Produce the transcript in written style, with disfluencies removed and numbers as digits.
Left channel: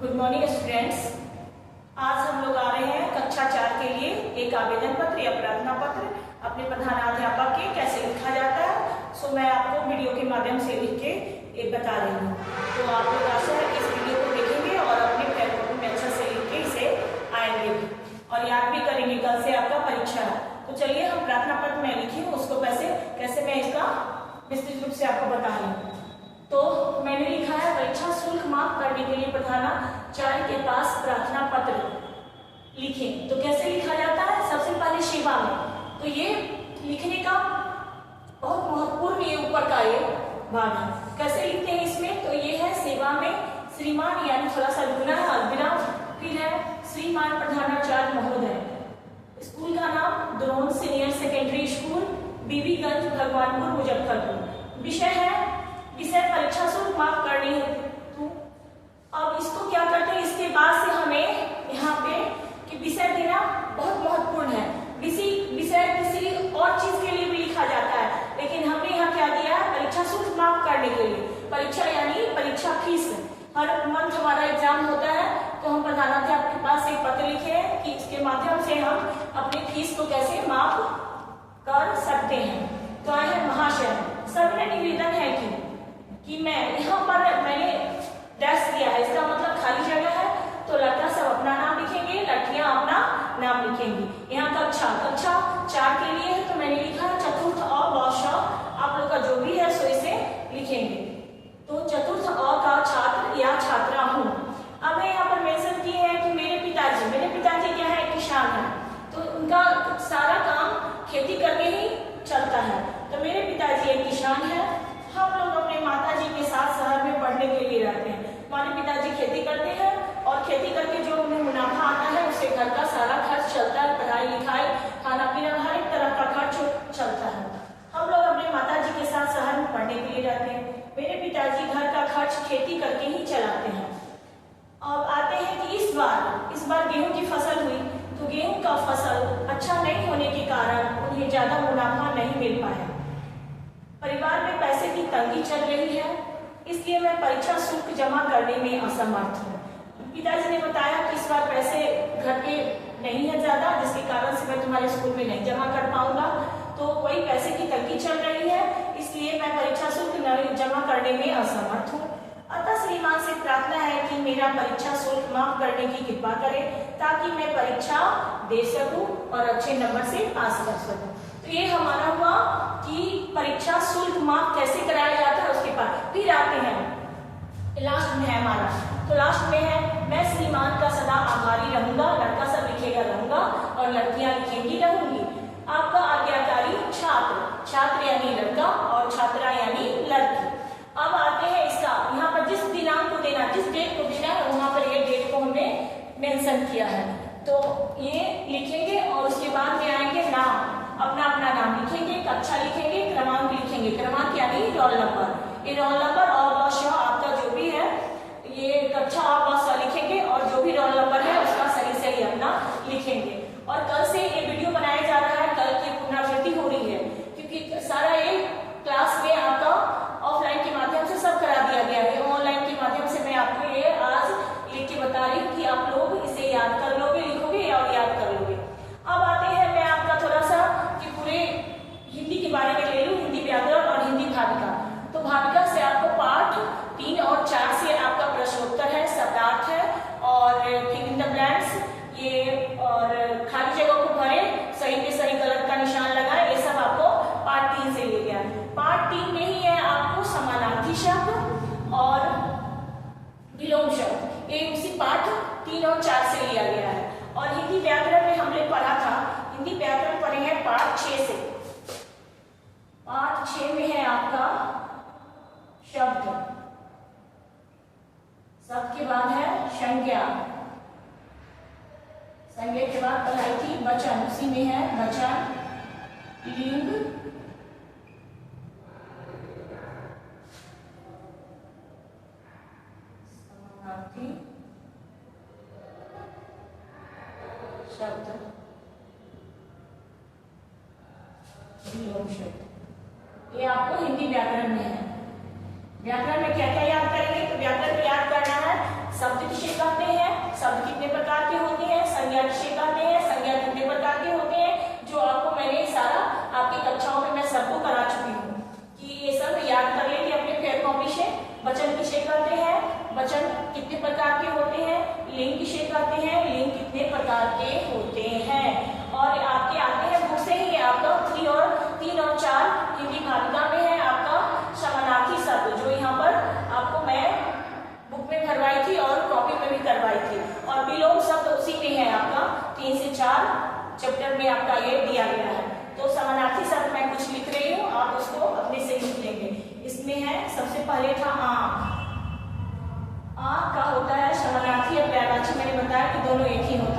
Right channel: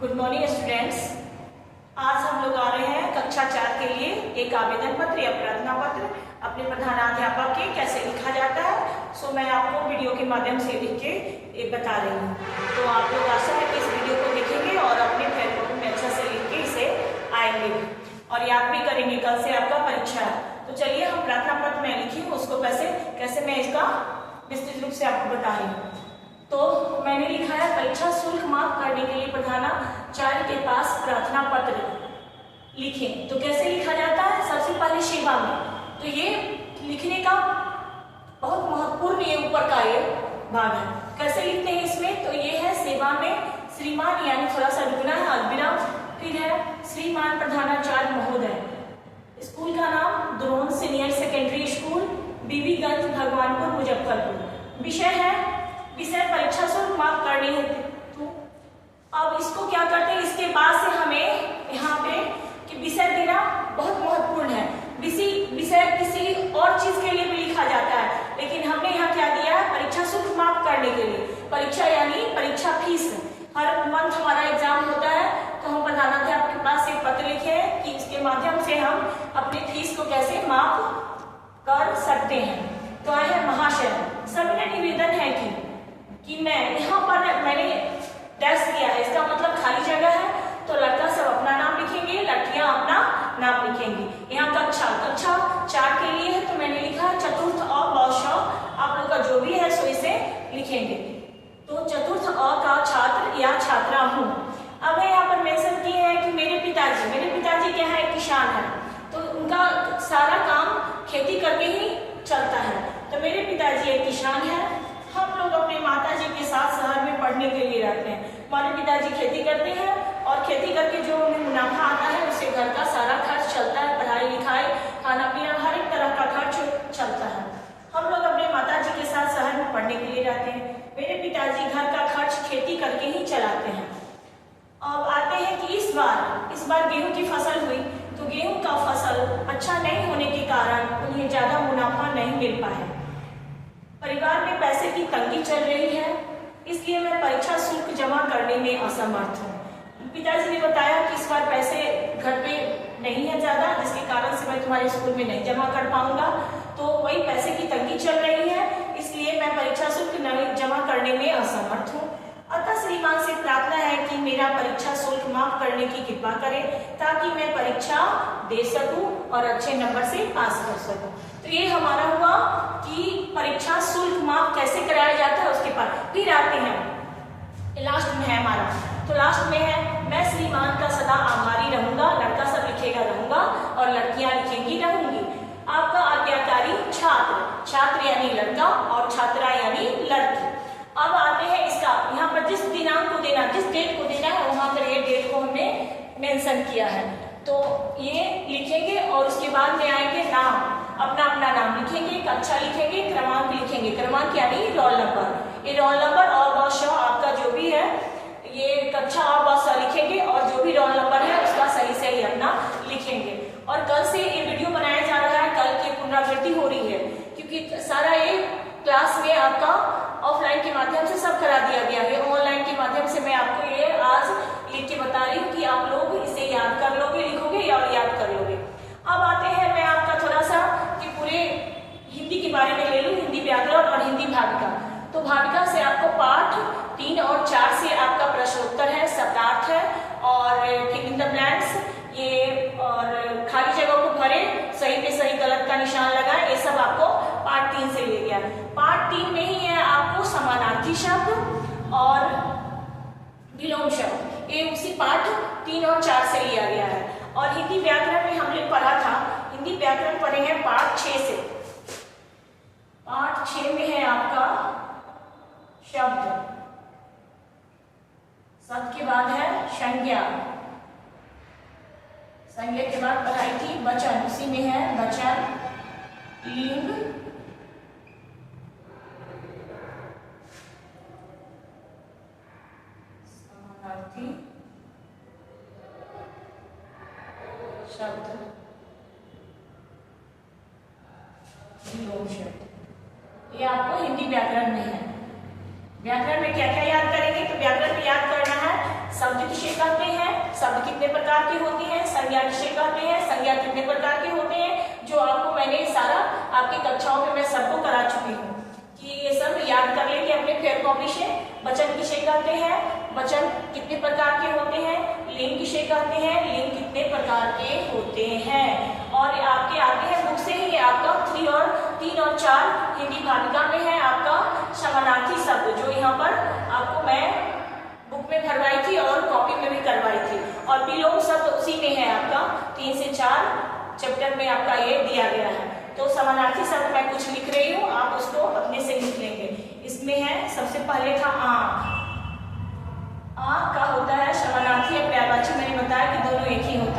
Good morning students. आज हम लोग आ रहे हैं कक्षा 4 के लिए एक आवेदन पत्र या प्रार्थना पत्र अपने प्रधानाध्यापक के कैसे लिखा जाता है। सो मैं आपको वीडियो के माध्यम से लिख के एक बता रही हूँ। तो आप लोग आशा है कि इस वीडियो को देखेंगे और अपने पेपर में अच्छा से लिख के इसे आएंगे और याद भी करेंगे। कल से आपका परीक्षा है, तो चलिए हम प्रार्थना पत्र में लिखी हूँ उसको कैसे मैं इसका विस्तृत रूप से आपको बता रही हूँ। तो मैंने लिखा है परीक्षा शुल्क माफ करने के लिए प्रधानाचार्य के पास प्रार्थना पत्र लिखें। तो कैसे लिखा जाता है? सबसे पहले सेवा में, तो ये लिखने का बहुत महत्वपूर्ण ये ऊपर का ये भाग है। कैसे लिखते हैं इसमें? तो ये है सेवा में श्रीमान, यानी थोड़ा सा रुकना है, अल्पविराम, फिर है श्रीमान प्रधानाचार्य महोदय। स्कूल का नाम Drona senior secondary school, Bibiganj, Bhagwanpur, Muzaffarpur. विषय परीक्षा शुल्क माफ करनी है। तो अब इसको क्या करते हैं, इसके बाद से हमें यहाँ पे कि विषय देना बहुत महत्वपूर्ण है। विषय किसी और चीज के लिए भी लिखा जाता है, लेकिन हमने यहाँ क्या दिया है? परीक्षा शुल्क माफ करने के लिए। परीक्षा यानी परीक्षा फीस। हर मंथ हमारा एग्जाम होता है, तो हम प्रधानाध्यापक के पास एक पत्र लिखे हैं कि इसके माध्यम से हम अपनी फीस को कैसे माफ कर सकते हैं। तो है महाशय, सबका निवेदन है कि मैं यहाँ पर मैंने डैश दिया है, इसका मतलब खाली जगह है। तो लड़का सब अपना नाम लिखेंगे, लड़कियां अपना नाम लिखेंगी। यहाँ कक्षा 4 के लिए है, तो मैंने लिखा है चतुर्थ अ व श। आप लोग का जो भी है सो इसे लिखेंगे। तो चतुर्थ अ का छात्र या छात्रा हूँ। अब मैं यहाँ पर मेंशन किए हैं कि मेरे पिताजी क्या है? किसान है। तो उनका सारा काम खेती करके ही चलता है। तो मेरे पिताजी एक किसान है। हम लोग अपने माताजी के साथ शहर में पढ़ने के लिए रहते हैं। हमारे पिताजी खेती करते हैं और खेती करके जो उन्हें मुनाफा आता है उससे घर का सारा खर्च चलता है, पढ़ाई लिखाई, खाना पीना, हर एक तरह का खर्च चलता है। हम लोग अपने माताजी के साथ शहर में पढ़ने के लिए रहते हैं। मेरे पिताजी घर का खर्च खेती करके ही चलाते हैं। अब आते हैं कि इस बार गेहूं की फसल हुई, तो गेहूं का फसल अच्छा नहीं होने के कारण उन्हें ज्यादा मुनाफा नहीं मिल पाया। परिवार में पैसे की तंगी चल रही है, इसलिए मैं परीक्षा शुल्क जमा करने में असमर्थ हूँ। पिताजी ने बताया कि इस बार पैसे घर पे नहीं है ज्यादा, जिसके कारण से मैं तुम्हारे स्कूल में नहीं जमा कर पाऊंगा। तो वही पैसे की तंगी चल रही है, इसलिए मैं परीक्षा शुल्क नहीं जमा करने में असमर्थ हूँ। अतः श्रीमान से प्रार्थना है कि मेरा परीक्षा शुल्क माफ करने की कृपा करें, ताकि मैं परीक्षा दे सकूं और अच्छे नंबर से पास कर सकूं। तो ये हमारा हुआ कि परीक्षा शुल्क माफ कैसे कराया जाता है। उसके बाद फिर आते हैं लास्ट में है हमारा, तो लास्ट में है मैं श्रीमान का सदा आभारी रहूंगा। लड़का सब लिखेगा रहूंगा और लड़कियां लिखेंगी रहूंगी। आपका आज्ञाकारी छात्र यानी लड़का और छात्रा यानी लड़की। अब आते हैं इसका, यहाँ पर जिस दिनांक को देना, जिस डेट को देना है, वहां पर ये डेट को हमने मेंशन किया है। तो ये लिखेंगे और उसके बाद में आएंगे नाम, अपना नाम लिखेंगे, कक्षा लिखेंगे, क्रमांक लिखेंगे। क्रमांक यानी रोल नंबर। ये रोल नंबर अ व श आपका जो भी है, ये कक्षा अ व श लिखेंगे और जो भी रोल नंबर है उसका सही अपना लिखेंगे। और कल से ये वीडियो बनाया जा रहा है, कल की पुनरावृत्ति हो रही है, क्योंकि सारा ये क्लास में आपका ऑफलाइन के माध्यम से सब करा दिया गया है। ऑनलाइन के माध्यम से मैं आपको ये आज लिख के बता रही हूँ कि आप लोग इसे याद कर लोगे, लिखोगे और याद कर लोगे। अब आते हैं मैं आपका थोड़ा सा कि पूरे हिंदी के बारे में ले लूँ, हिंदी व्याकरण और हिंदी भाविका। तो भाविका से आपको पाठ 3 और 4 से आपका प्रश्नोत्तर है, शब्दार्थ है और फिल इन द ब्लैंक्स ये, और खाली जगह को भरे, सही पे सही गलत का निशान लगाए, ये सब आपको पार्ट 3 से लिया गया। पार्ट 3 में ही है आपको समानार्थी शब्द और विलोम शब्द, ये उसी पार्ट 3 और 4 से लिया गया है। और हिंदी व्याकरण में हमने पढ़ा था, हिंदी व्याकरण पढ़ेंगे पार्ट 6 से। पार्ट 6 में है आपका शब्द के बाद है संज्ञा के बाद पढ़ाई थी वचन, उसी में है वचन, लिंग, समानार्थी शब्द, विलोम शब्द। ये आपको हिंदी व्याकरण में है। व्याकरण में क्या क्या याद करेंगे? तो व्याकरण में याद करना है शब्द किसे कहते शब्द कितने प्रकार के होते हैं, संज्ञा किसे कहते हैं, संज्ञा कितने प्रकार के होते हैं, जो आपको मैंने सारा आपकी कक्षाओं में मैं सबको करा चुकी हूँ कि ये सब याद कर लेंगे अपने फेयर कॉपी से। वचन किसे कहते हैं, वचन कितने प्रकार के होते हैं, लिंग किसे कहते हैं, लिंग कितने प्रकार के होते हैं। और आपके आगे है बुक से ही आपका 3 और 4 हिंदी भाविका में है आपका समानार्थी शब्द, जो यहाँ पर आपको मैं बुक में भरवाई थी और कॉपी में भी करवाई थी। और विलोम शब्द उसी में है आपका 3 से 4 चैप्टर में आपका ये दिया गया है। तो समानार्थी शब्द मैं कुछ लिख रही हूँ, आप उसको अपने से लिख लेंगे। इसमें है सबसे पहले था आँख। आँख का होता है समानार्थी या पर्यायवाची, मैंने बताया कि दोनों एक ही होते हैं।